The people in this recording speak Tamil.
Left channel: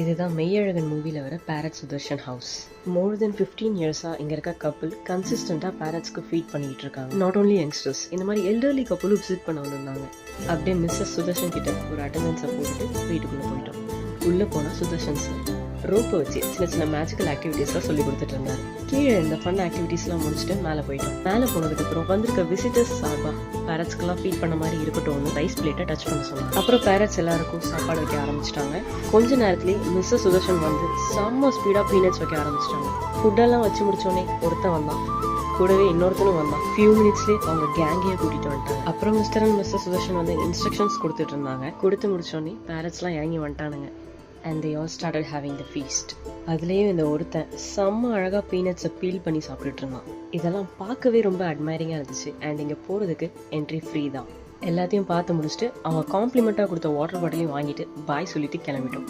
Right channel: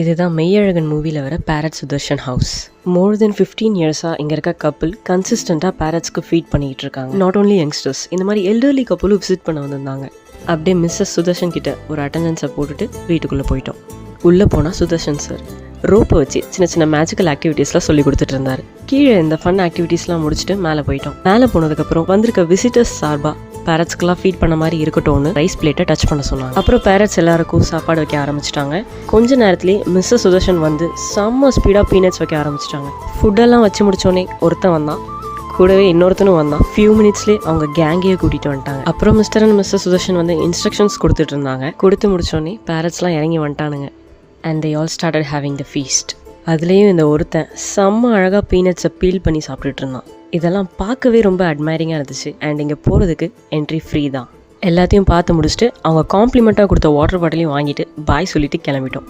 இதுதான் மெய்யழகன் மூவியில் வர பேரட் சுதர்ஷன் ஹவுஸ். மோர் தென் 15 இயர்ஸாக இங்கே இருக்க கப்புள் கன்சிஸ்டண்ட்டாக பேரட்ஸ்க்கு ஃபீட் பண்ணிகிட்டு இருக்காங்க. நாட் ஓன்லி யங்ஸ்டர்ஸ், இந்த மாதிரி எல்டர்லி கப்புளும் விசிட் பண்ண வந்திருந்தாங்க. அப்படியே மிஸ்ஸஸ் சுதர்ஷன் கிட்ட ஒரு அட்டெண்டன்ஸை போட்டுட்டு வீட்டுக்குள்ளே போயிட்டோம். உள்ளே போனால் சுதர்ஷன் சார் ரோப்பை வச்சு சின்ன சின்ன மேஜிக்கல் ஆக்டிவிட்டீஸ்லாம் சொல்லி கொடுத்துட்டு இருந்தார். கீழே இந்த ஃபன் ஆக்டிவிட்டீஸ்லாம் முடிச்சுட்டு மேலே போயிட்டோம். மேலே போனதுக்கப்புறம் வந்திருக்க விசிட்டர்ஸ் சார்பாக பேரட்ஸ்க்கெல்லாம் ஃபீட் பண்ண மாதிரி இருக்கட்டும்னு ரைஸ் பிளேட்டை டச் பண்ண சொன்னாங்க. அப்புறம் பேரட்ஸ் எல்லாருக்கும் சாப்பாடு வைக்க ஆரம்பிச்சிட்டாங்க. கொஞ்ச நேரத்துலேயே மிஸ்ஸஸ் சுதர்ஷன் வந்து செம்ம ஸ்பீடாக பீனட்ஸ் வைக்க ஆரம்பிச்சிட்டாங்க. ஃபுட்டெல்லாம் வச்சு முடிச்சோடனே ஒருத்தன் வந்தான், கூடவே இன்னொருத்தனும் வந்தான். ஃபியூ மினிட்ஸ்லேயே அவங்க கேங்கையே கூட்டிகிட்டு வந்துட்டாங்க. அப்புறம் மிஸ்டர் அண்ட் மிஸ்ஸஸ் சுதர்ஷன் வந்து இன்ஸ்ட்ரக்ஷன்ஸ் கொடுத்துட்டு இருந்தாங்க. கொடுத்து முடிச்சோடனே பேரட்ஸ்லாம் இறங்கி வந்துட்டானுங்க. And they all started having the feast. அதுலேயும் இந்த ஒருத்தன் செம்ம அழகாக பீனட்ஸை பீல் பண்ணி சாப்பிட்டுட்டு இருந்தான். இதெல்லாம் பார்க்கவே ரொம்ப அட்மைரிங்காக இருந்துச்சு. அண்ட் இங்கே போகிறதுக்கு என்ட்ரி ஃப்ரீ தான். எல்லாத்தையும் பார்த்து முடிச்சுட்டு அவங்க காம்ப்ளிமெண்ட்டாக கொடுத்த வாட்டர் பாட்டிலையும் வாங்கிட்டு பாய் சொல்லிட்டு கிளம்பிட்டோம்.